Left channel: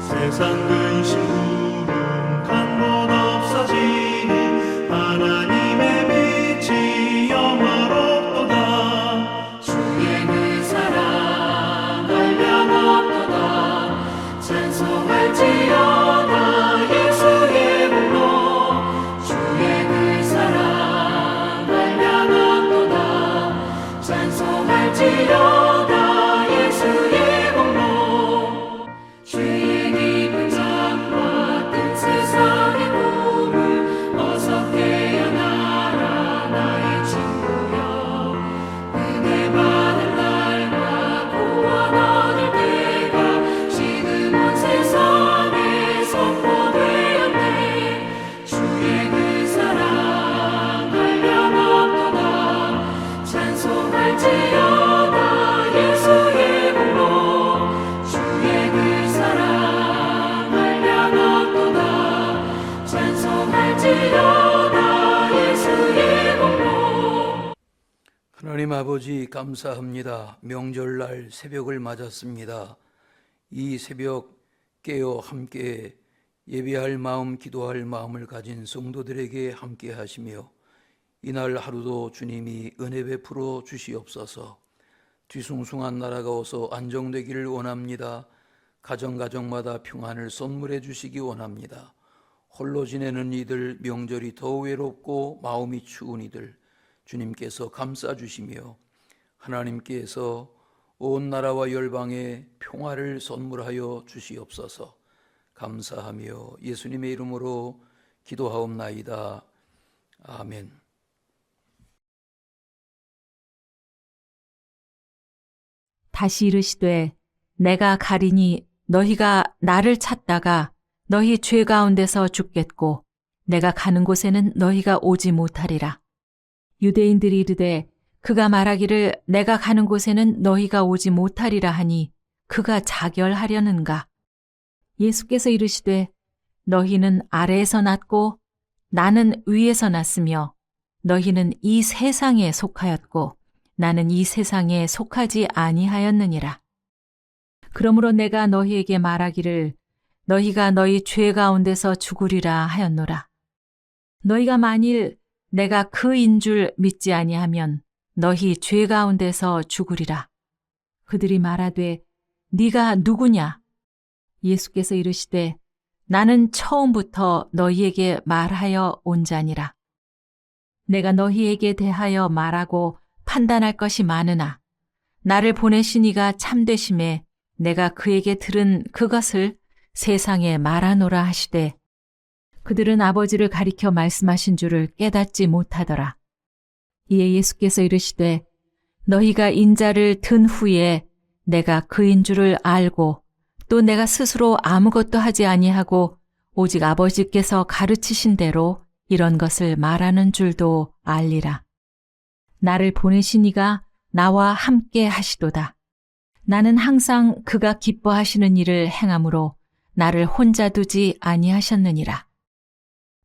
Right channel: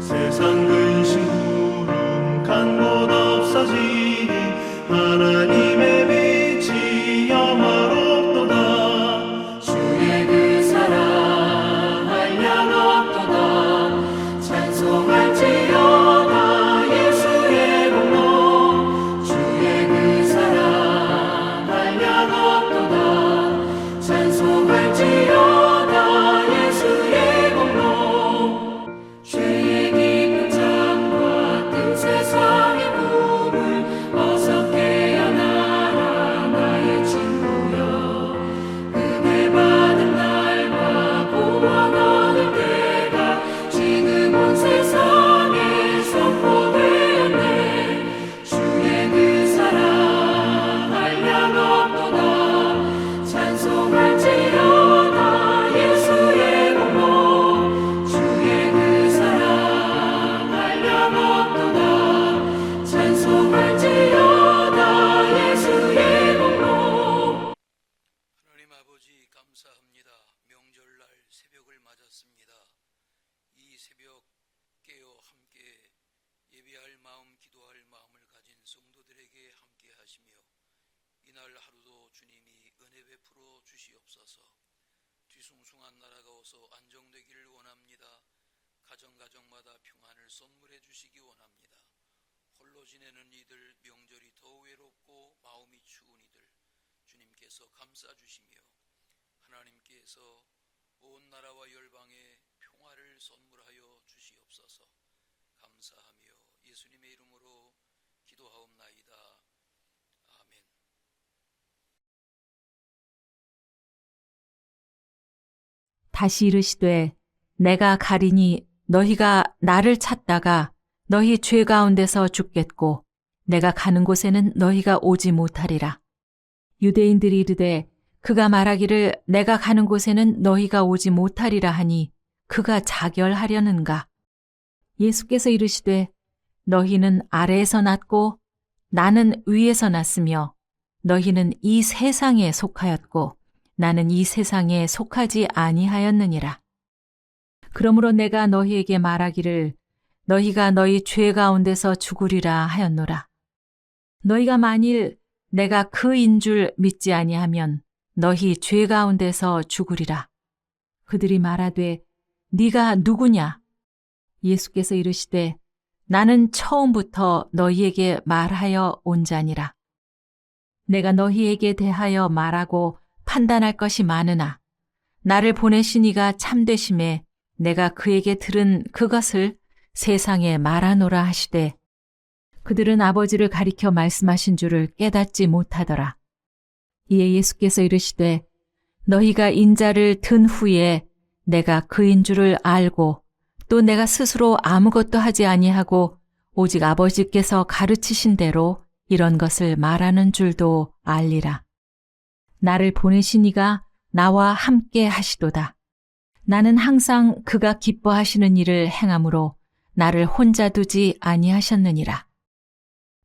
세상 근심 구름 간 곳 없어지니 하나님의 빛이 영화롭도다. 주의 그 사랑 한량 없도다. 찬송할지어다 예수의 복로. 주의 그 사랑 한량 없도다. 찬송할지어다 예수의 복로. 죄의 깊은 잠과 뜬 세상의 꿈을 어서 깨어나라 나의 친구여. 은혜 받은 날과 구원 얻을 때가 지금 온 세상에 선포되었네. 주의 그 사랑 한량 없도다. 찬송할지어다 예수의 복로. 주의 그 사랑 한량 없도다. 찬송할지어다 예수의 복로. 하나님 아버지 감사합니다. 명절날 새벽을 맞았습니다. 이 새벽 깨어 함께 예배할 마음, 기도할 마음을 가진 성도들에게 함께 하시며 이날 하루도 주님이 은혜 베풀어 주시옵소서. 뒤숭숭한 나라가 어서 안정되기를 원합니다. 가정가정마다 평안을 선물해 주시기 원합니다. 홀로 지내는 이들, 명절이 더 외롭고 마음이 추운 이들 주님께서 감싸주시며 하나님께서 온 나라와 열방에 평화를 선물하여 주시옵소서. 감사하며 예수님의 이름으로 기도하옵나이다. 아멘. 다시 이르시되 내가 가리니 너희가 나를 찾다가 너희 죄 가운데서 죽겠고 내가 가는 곳에는 너희가 오지 못하리라. 유대인들이 이르되 그가 말하기를 내가 가는 곳에는 너희가 오지 못하리라 하니 그가 자결하려는가? 예수께서 이르시되 너희는 아래에서 났고 나는 위에서 났으며 너희는 이 세상에 속하였고 나는 이 세상에 속하지 아니하였느니라. 그러므로 내가 너희에게 말하기를 너희가 너희 죄 가운데서 죽으리라 하였노라. 너희가 만일 내가 그인 줄 믿지 아니하면 너희 죄 가운데서 죽으리라. 그들이 말하되 네가 누구냐? 예수께서 이르시되 나는 처음부터 너희에게 말하여 온 자니라. 내가 너희에게 대하여 말하고 판단할 것이 많으나 나를 보내신 이가 참되심에 내가 그에게 들은 그것을 세상에 말하노라 하시되 그들은 아버지를 가리켜 말씀하신 줄을 깨닫지 못하더라. 이에 예수께서 이르시되 너희가 인자를 든 후에 내가 그인 줄을 알고 또 내가 스스로 아무것도 하지 아니하고 오직 아버지께서 가르치신 대로 이런 것을 말하는 줄도 알리라. 나를 보내신 이가 나와 함께 하시도다. 나는 항상 그가 기뻐하시는 일을 행함으로 나를 혼자 두지 아니하셨느니라.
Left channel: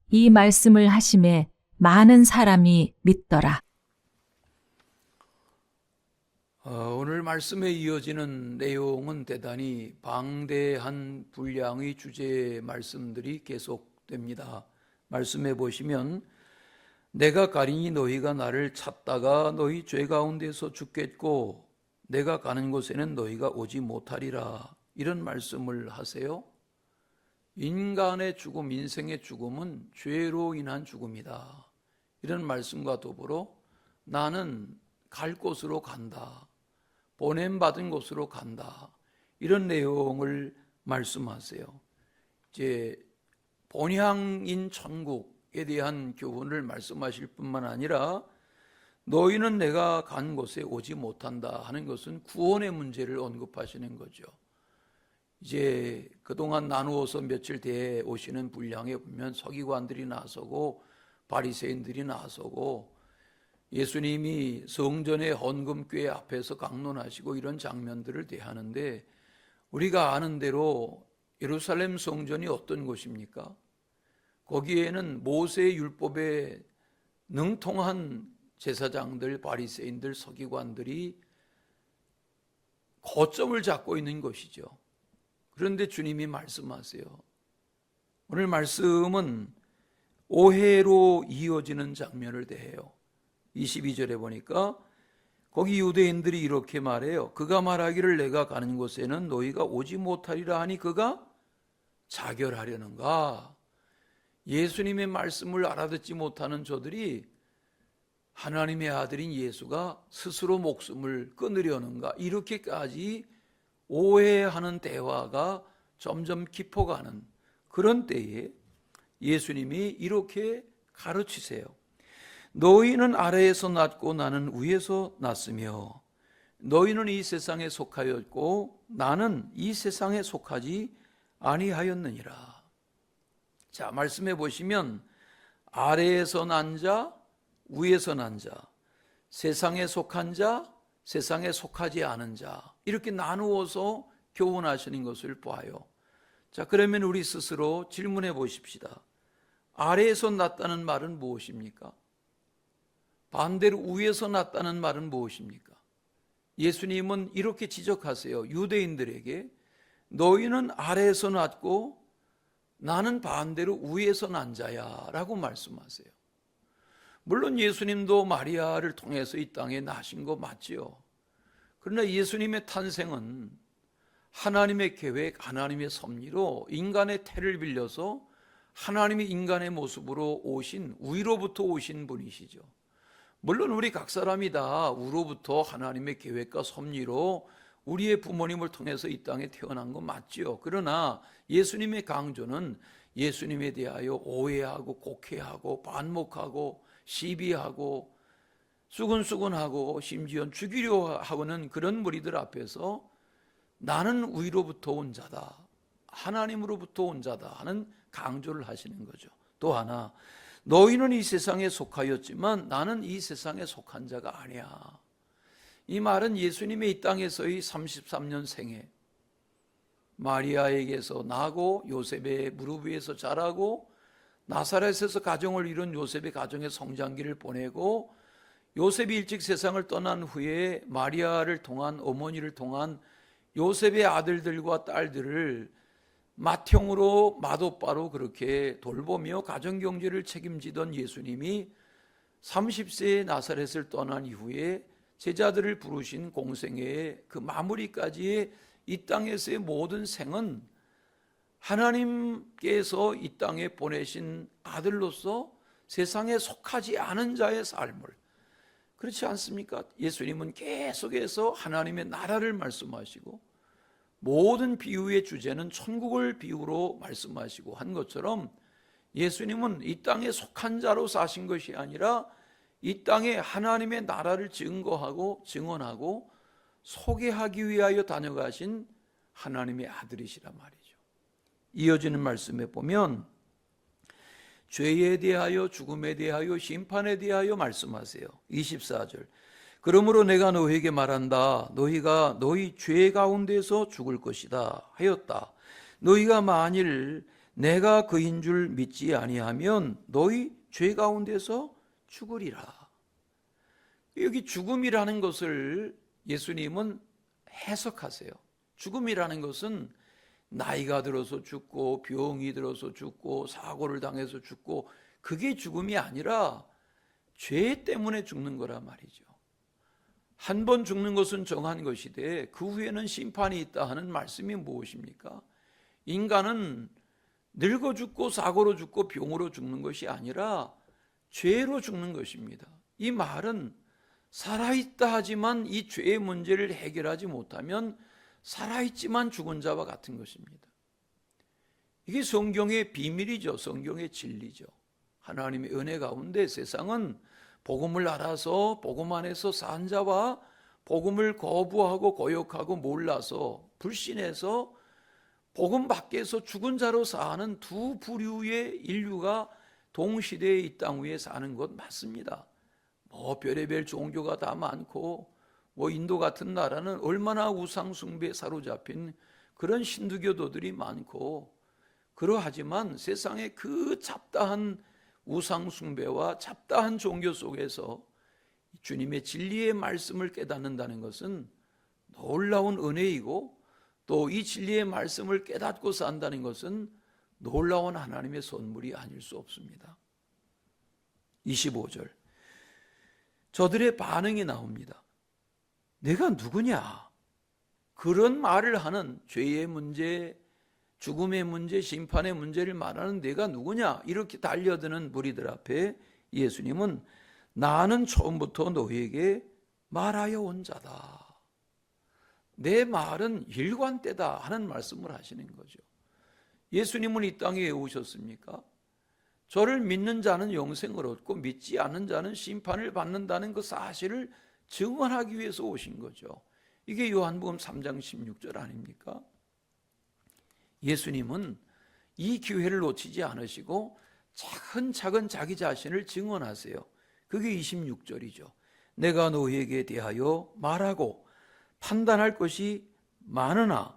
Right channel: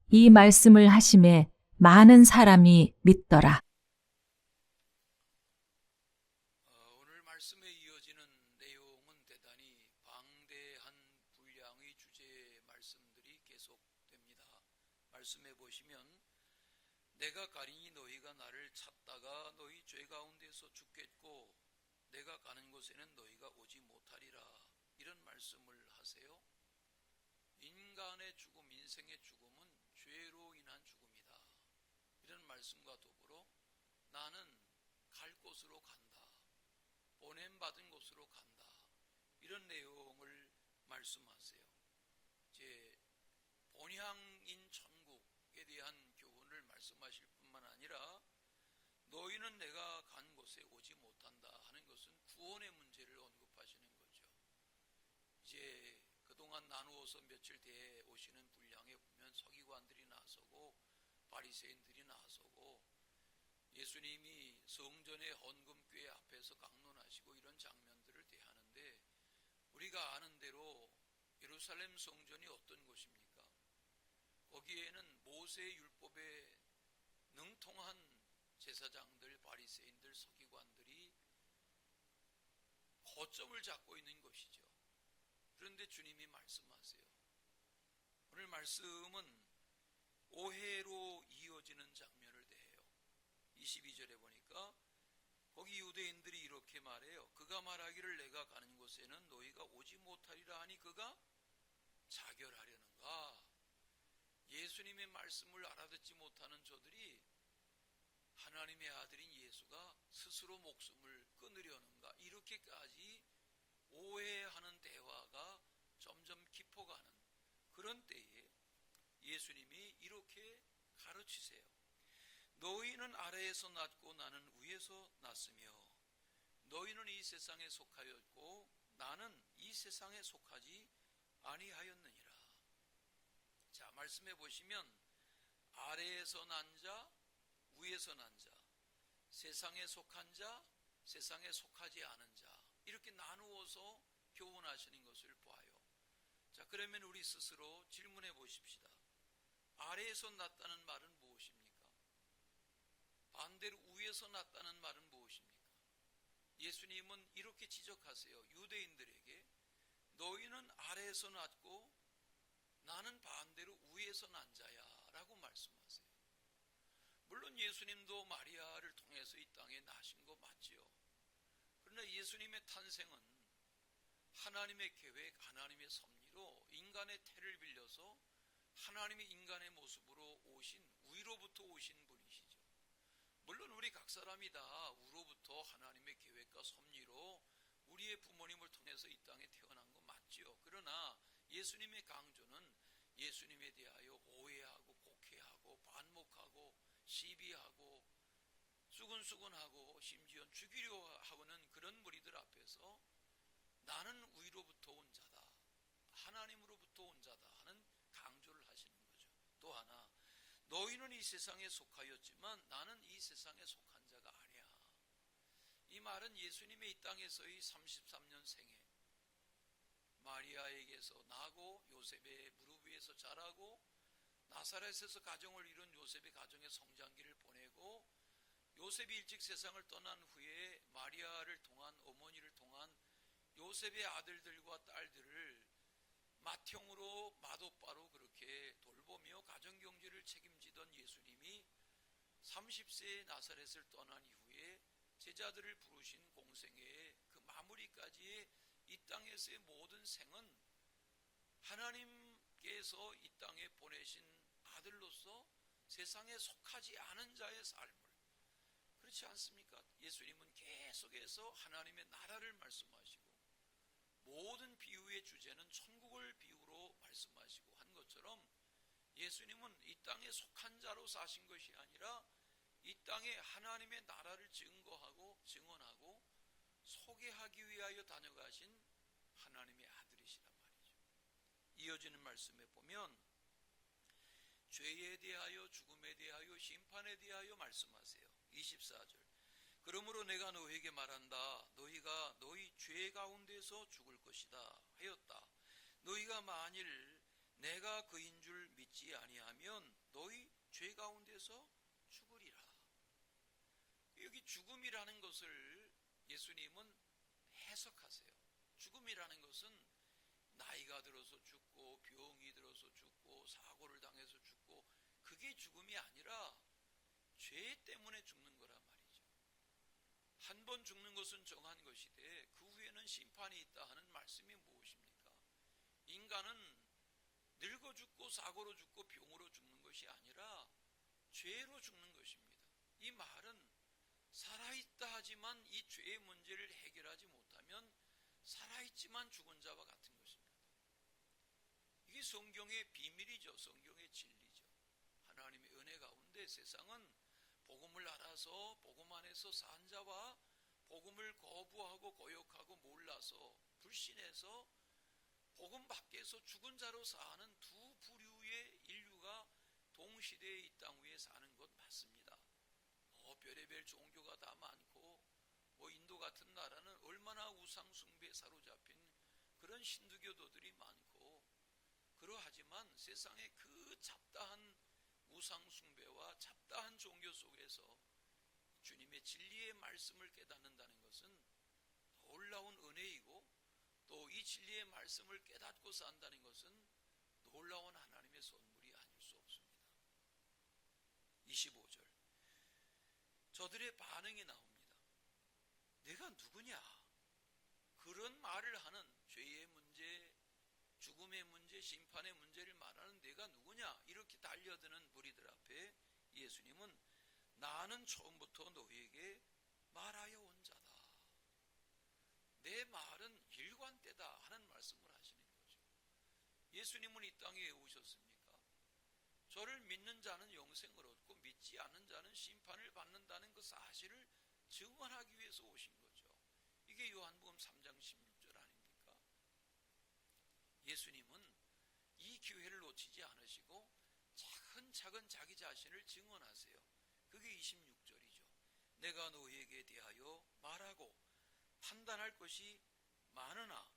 이 말씀을 하심에 많은 사람이 믿더라. 오늘 말씀에 이어지는 내용은 대단히 방대한 분량의 주제 말씀들이 계속됩니다. 말씀해 보시면 내가 가리니 너희가 나를 찾다가 너희 죄 가운데서 죽겠고 내가 가는 곳에는 너희가 오지 못하리라, 이런 말씀을 하세요. 인간의 죽음, 인생의 죽음은 죄로 인한 죽음이다, 이런 말씀과 더불어 나는 갈 곳으로 간다, 보냄받은 곳으로 간다, 이런 내용을 말씀하세요. 이제 본향인 천국에 대한 교훈을 말씀하실 뿐만 아니라 너희는 내가 간 곳에 오지 못한다 하는 것은 구원의 문제를 언급하시는 거죠. 이제 그동안 나누어서 며칠 뒤에 오시는 분량에 보면 서기관들이 나서고 바리새인들이 나서고 예수님이 성전의 헌금궤 앞에서 강론하시고 이런 장면들을 대하는데, 우리가 아는 대로 예루살렘 성전이 어떤 곳입니까? 거기에는 모세의 율법에 능통한 제사장들, 바리새인들, 서기관들이 거점을 잡고 있는 것이죠. 그런데 주님이 말씀하세요. 오늘 말씀은 오해로 이어지는 장면을 대해요. 22절에 보니까 거기 유대인들이 이렇게 말해요. 그가 말하기를 내가 가는 곳에는 너희가 오지 못하리라 하니 그가 자결하려는가? 예수님의 말씀을 알아듣지 못하는 저들이 하나님의 아들인 예수가 스스로 목숨을 끊으려는가? 이렇게까지 오해하는 대화가 점점 깊어가는 그런 때에 예수님이 이렇게 가르치세요. 너희는 아래에서 났고 나는 위에서 났으며 너희는 이 세상에 속하였고 나는 이 세상에 속하지 아니하였느니라. 자, 말씀해 보시면 아래에서 난 자, 위에서 난 자, 세상에 속한 자, 세상에 속하지 않은 자, 이렇게 나누어서 교훈하시는 것을 봐요. 자, 그러면 우리 스스로 질문해 보십시다. 아래에서 났다는 말은 무엇입니까? 반대로 위에서 났다는 말은 무엇입니까? 예수님은 이렇게 지적하세요. 유대인들에게 너희는 아래에서 났고 나는 반대로 위에서 난 자야 라고 말씀하세요. 물론 예수님도 마리아를 통해서 이 땅에 나신 거 맞지요. 그러나 예수님의 탄생은 하나님의 계획, 하나님의 섭리로 인간의 태를 빌려서 하나님이 인간의 모습으로 오신, 위로부터 오신 분이시죠. 물론 우리 각 사람이 다 우로부터 하나님의 계획과 섭리로 우리의 부모님을 통해서 이 땅에 태어난 거 맞지요. 그러나 예수님의 강조는 예수님에 대하여 오해하고 곡해하고 반목하고 시비하고 수근수근하고 심지어 죽이려 하는 그런 무리들 앞에서 나는 위로부터 온 자다, 하나님으로부터 온 자다 하는 강조를 하시는 거죠. 또 하나, 너희는 이 세상에 속하였지만 나는 이 세상에 속한 자가 아니야. 이 말은 예수님의 이 땅에서의 33년 생애, 마리아에게서 나고 요셉의 무릎 위에서 자라고 나사렛에서 가정을 이룬 요셉의 가정의 성장기를 보내고 요셉이 일찍 세상을 떠난 후에 마리아를 통한, 어머니를 통한 요셉의 아들들과 딸들을 맏형으로 맏오빠로 그렇게 돌보며 가정경제를 책임지던 예수님이 30세에 나사렛을 떠난 이후에 제자들을 부르신 공생애의 그 마무리까지의 이 땅에서의 모든 생은 하나님께서 이 땅에 보내신 아들로서 세상에 속하지 않은 자의 삶을, 그렇지 않습니까? 예수님은 계속해서 하나님의 나라를 말씀하시고 모든 비유의 주제는 천국을 비유로 말씀하시고 한 것처럼 예수님은 이 땅에 속한 자로 사신 것이 아니라 이 땅에 하나님의 나라를 증거하고 증언하고 소개하기 위하여 다녀가신 하나님의 아들이시란 말이죠. 이어지는 말씀에 보면 죄에 대하여 죽음에 대하여 심판에 대하여 말씀하세요. 24절. 그러므로 내가 너희에게 말한다. 너희가 너희 죄 가운데서 죽을 것이다 하였다. 너희가 만일 내가 그인 줄 믿지 아니하면 너희 죄 가운데서 죽으리라. 여기 죽음이라는 것을 예수님은 해석하세요. 죽음이라는 것은 나이가 들어서 죽고 병이 들어서 죽고 사고를 당해서 죽고, 그게 죽음이 아니라 죄 때문에 죽는 거란 말이죠. 한 번 죽는 것은 정한 것이되 그 후에는 심판이 있다 하는 말씀이 무엇입니까? 인간은 늙어 죽고 사고로 죽고 병으로 죽는 것이 아니라 죄로 죽는 것입니다. 이 말은 살아있다 하지만 이 죄의 문제를 해결하지 못하면 살아있지만 죽은 자와 같은 것입니다. 이게 성경의 비밀이죠. 성경의 진리죠. 하나님의 은혜 가운데 세상은 복음을 알아서 복음 안에서 산 자와 복음을 거부하고 고역하고 몰라서 불신해서 복음 밖에서 죽은 자로 사는 두 부류의 인류가 동시대에 이 땅 위에 사는 것 맞습니다. 별의별 종교가 다 많고 인도 같은 나라는 얼마나 우상 숭배에 사로잡힌 그런 신두교도들이 많고, 그러하지만 세상의 그 잡다한 우상 숭배와 잡다한 종교 속에서 주님의 진리의 말씀을 깨닫는다는 것은 놀라운 은혜이고, 또 이 진리의 말씀을 깨닫고 산다는 것은 놀라운 하나님의 선물이 아닐 수 없습니다. 25절. 저들의 반응이 나옵니다. 내가 누구냐? 그런 말을 하는, 죄의 문제, 죽음의 문제, 심판의 문제를 말하는 내가 누구냐? 이렇게 달려드는 무리들 앞에 예수님은 나는 처음부터 너희에게 말하여 온 자다. 내 말은 일관되다 하는 말씀을 하시는 거죠. 예수님은 이 땅에 왜 오셨습니까? 저를 믿는 자는 영생을 얻고 믿지 않는 자는 심판을 받는다는 그 사실을 증언하기 위해서 오신 거죠. 이게 요한복음 3장 16절 아닙니까? 예수님은 이 기회를 놓치지 않으시고 차근차근 자기 자신을 증언하세요. 그게 26절이죠. 내가 너희에게 대하여 말하고 판단할 것이 많으나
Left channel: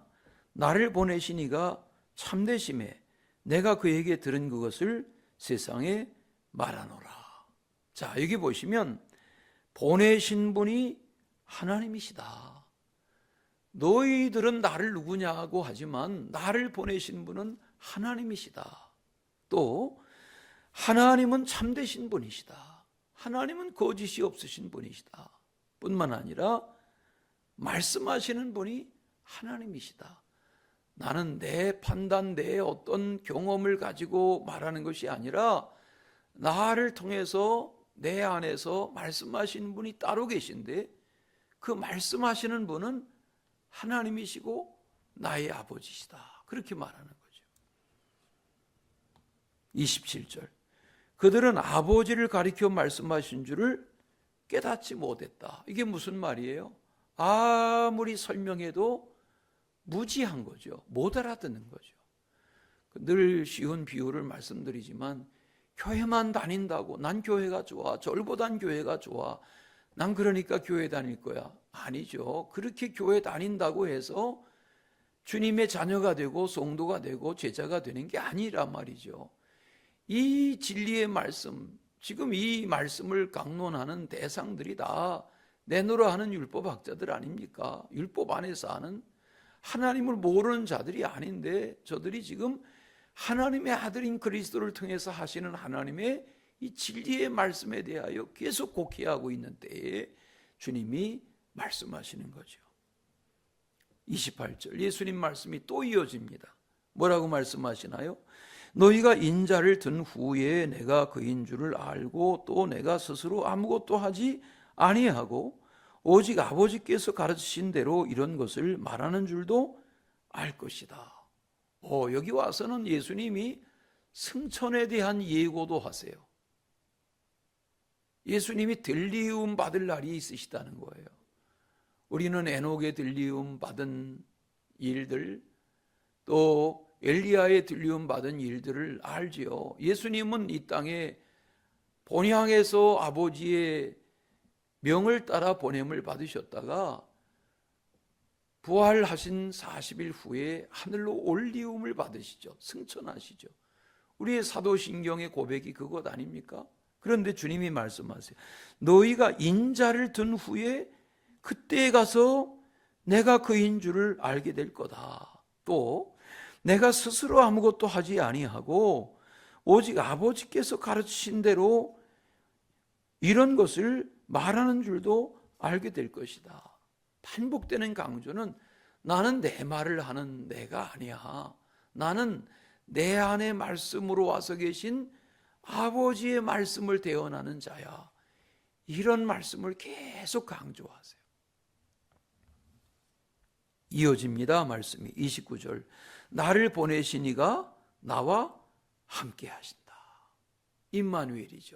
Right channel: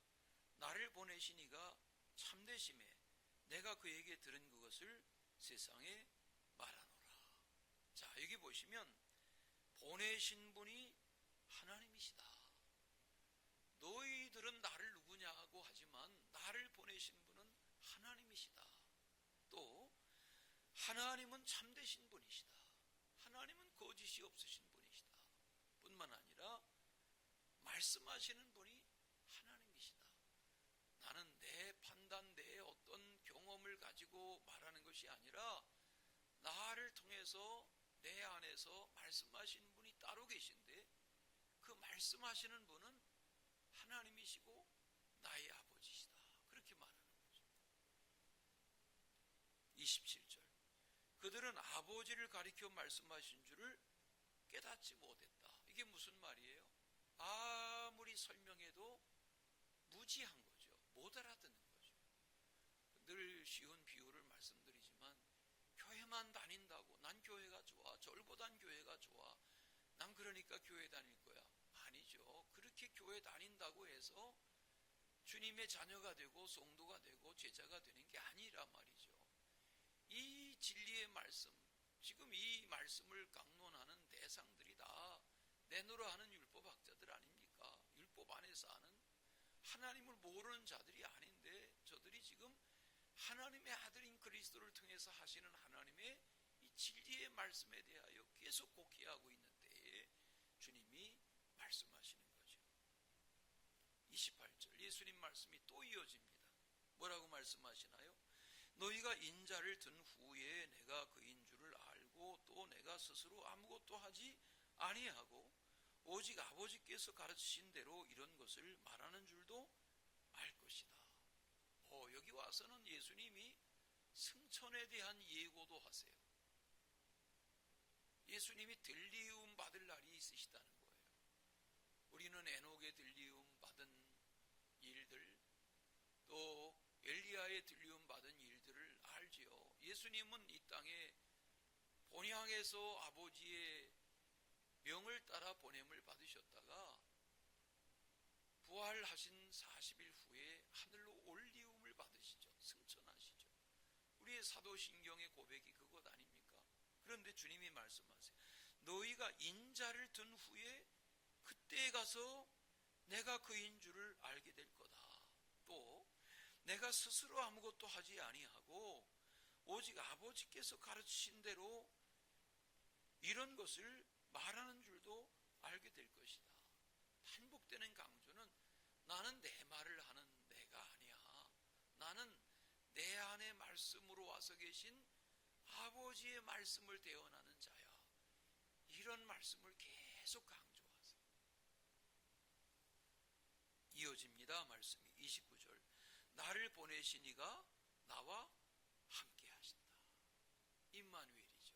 나를 보내신 이가 참되심에 내가 그에게 들은 그것을 세상에 말하노라. 자, 여기 보시면 보내신 분이 하나님이시다. 너희들은 나를 누구냐고 하지만 나를 보내신 분은 하나님이시다. 또 하나님은 참되신 분이시다. 하나님은 거짓이 없으신 분이시다. 뿐만 아니라 말씀하시는 분이 하나님이시다. 나는 내 판단, 내 어떤 경험을 가지고 말하는 것이 아니라 나를 통해서 내 안에서 말씀하시는 분이 따로 계신데 그 말씀하시는 분은 하나님이시고 나의 아버지시다. 그렇게 말하는 거죠. 27절. 그들은 아버지를 가리켜 말씀하신 줄을 깨닫지 못했다. 이게 무슨 말이에요? 아무리 설명해도 무지한 거죠. 못 알아듣는 거죠. 늘 쉬운 비유를 말씀드리지만 교회만 다닌다고 난 교회가 좋아, 절보단 교회가 좋아, 난 그러니까 교회 다닐 거야. 아니죠. 그렇게 교회 다닌다고 해서 주님의 자녀가 되고 성도가 되고 제자가 되는 게 아니란 말이죠. 이 진리의 말씀, 지금 이 말씀을 강론하는 대상들이 다 내노라 하는 율법학자들 아닙니까? 율법 안에서 하는 하나님을 모르는 자들이 아닌데 저들이 지금 하나님의 아들인 그리스도를 통해서 하시는 하나님의 이 진리의 말씀에 대하여 계속 곡해하고 있는 때에 주님이 말씀하시는 거죠. 28절 예수님 말씀이 또 이어집니다. 뭐라고 말씀하시나요? 너희가 인자를 든 후에 내가 그인 줄을 알고 또 내가 스스로 아무것도 하지 아니하고 오직 아버지께서 가르치신 대로 이런 것을 말하는 줄도 알 것이다. 여기 와서는 예수님이 승천에 대한 예고도 하세요. 예수님이 들리움 받을 날이 있으시다는 거예요. 우리는 에녹의 들리움 받은 일들, 또 엘리야의 들리움 받은 일들을 알지요. 예수님은 이 땅에 본향에서 아버지의 명을 따라 보냄을 받으셨다가 부활하신 40일 후에 하늘로 올리움을 받으시죠. 승천하시죠. 우리의 사도신경의 고백이 그것 아닙니까? 그런데 주님이 말씀하세요. 너희가 인자를 든 후에 그때에 가서 내가 그인 줄을 알게 될 거다. 또 내가 스스로 아무것도 하지 아니하고 오직 아버지께서 가르치신 대로 이런 것을 말하는 줄도 알게 될 것이다. 반복되는 강조는 나는 내 말을 하는 내가 아니야. 나는 내 안에 말씀으로 와서 계신 아버지의 말씀을 대언하는 자야. 이런 말씀을 계속 강조하세요. 이어집니다. 말씀이 29절. 나를 보내신 이가 나와 함께 하신다. 임마누엘이죠.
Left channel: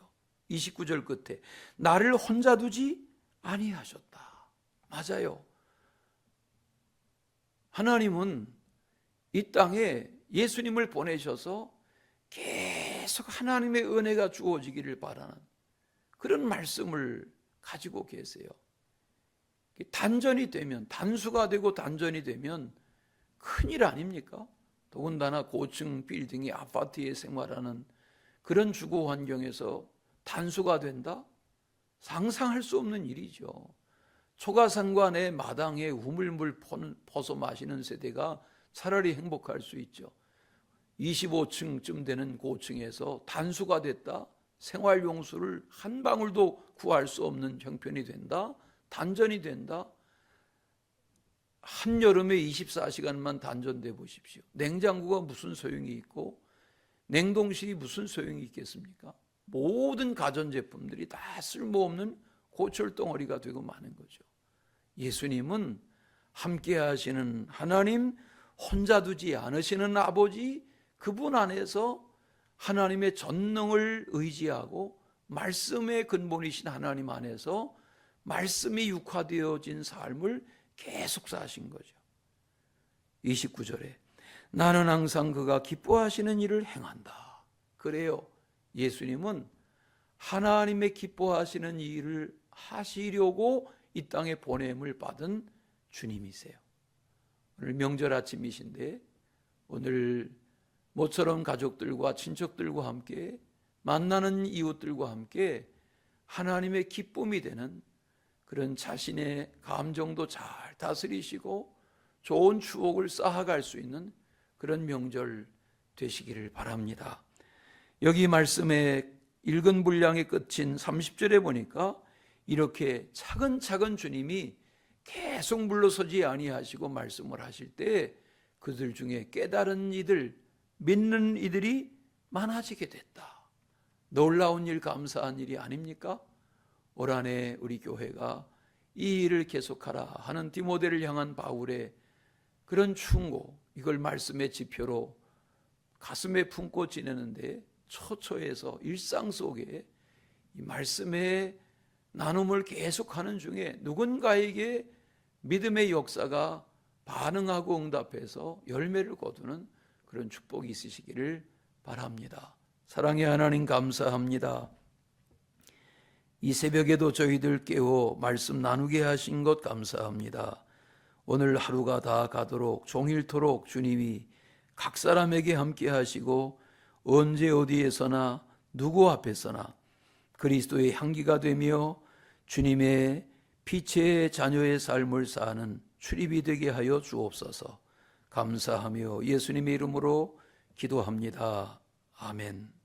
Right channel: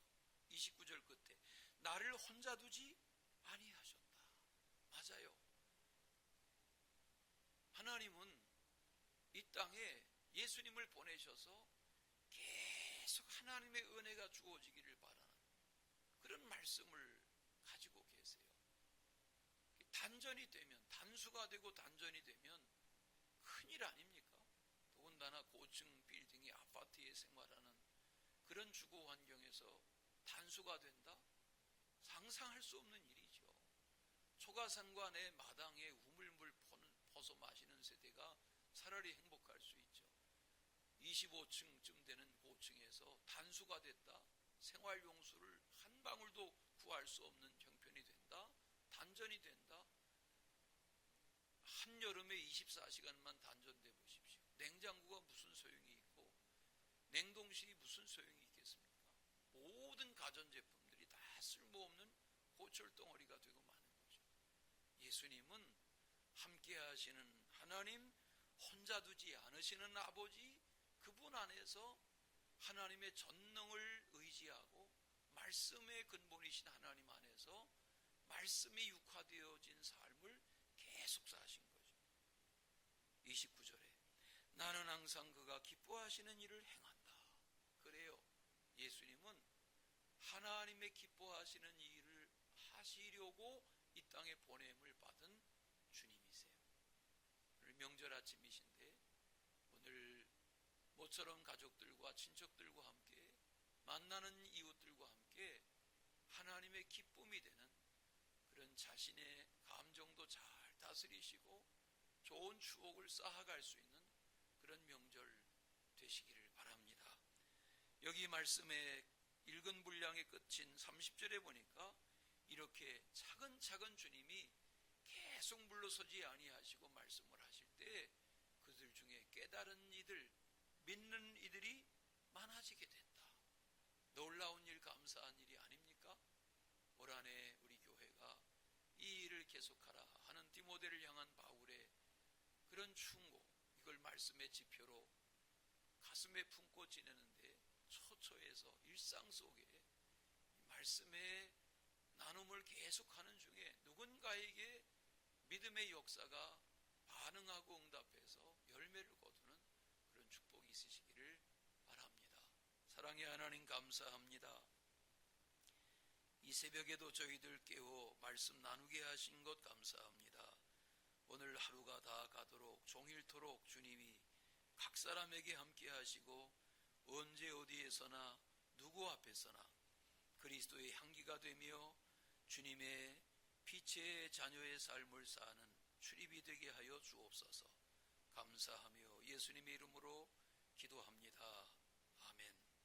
29절 끝에 나를 혼자 두지 아니하셨다. 맞아요. 하나님은 이 땅에 예수님을 보내셔서 계속 하나님의 은혜가 주어지기를 바라는 그런 말씀을 가지고 계세요. 단전이 되면, 단수가 되고 단전이 되면 큰일 아닙니까? 더군다나 고층 빌딩의 아파트에 생활하는 그런 주거 환경에서 단수가 된다? 상상할 수 없는 일이죠. 초가상관의 마당에 우물물 퍼서 마시는 세대가 차라리 행복할 수 있죠. 25층쯤 되는 고층에서 단수가 됐다? 생활용수를 한 방울도 구할 수 없는 형편이 된다? 단전이 된다? 한여름에 24시간만 단전돼 보십시오. 냉장고가 무슨 소용이 있고 냉동실이 무슨 소용이 있겠습니까? 모든 가전제품들이 다 쓸모없는 고철덩어리가 되고 마는 거죠. 예수님은 함께 하시는 하나님, 혼자 두지 않으시는 아버지, 그분 안에서 하나님의 전능을 의지하고 말씀의 근본이신 하나님 안에서 말씀이 육화되어진 삶을 계속 사신 거죠. 29절에 나는 항상 그가 기뻐하시는 일을 행한다. 그래요. 예수님은 하나님의 기뻐하시는 일을 하시려고 이 땅에 보냄을 받은 주님이세요. 오늘 명절 아침이신데 오늘 모처럼 가족들과 친척들과 함께 만나는 이웃들과 함께 하나님의 기쁨이 되는 그런 자신의 감정도 잘 다스리시고 좋은 추억을 쌓아갈 수 있는 그런 명절 되시기를 바랍니다. 여기 말씀의 읽은 분량의 끝인 30절에 보니까 이렇게 차근차근 주님이 계속 물러서지 아니하시고 말씀을 하실 때 그들 중에 깨달은 이들, 믿는 이들이 많아지게 됐다. 놀라운 일, 감사한 일이 아닙니까? 올 한해 우리 교회가 이 일을 계속하라 하는 디모데를 향한 바울의 그런 충고, 이걸 말씀의 지표로 가슴에 품고 지내는데 처처해서 일상 속에 이 말씀의 나눔을 계속하는 중에 누군가에게 믿음의 역사가 반응하고 응답해서 열매를 거두는 그런 축복이 있으시기를 바랍니다. 사랑의 하나님 감사합니다. 이 새벽에도 저희들 깨워 말씀 나누게 하신 것 감사합니다. 오늘 하루가 다 가도록 종일토록 주님이 각 사람에게 함께 하시고 언제 어디에서나 누구 앞에서나 그리스도의 향기가 되며 주님의 빛의 자녀의 삶을 사는 출입이 되게 하여 주옵소서. 감사하며 예수님의 이름으로 기도합니다. 아멘.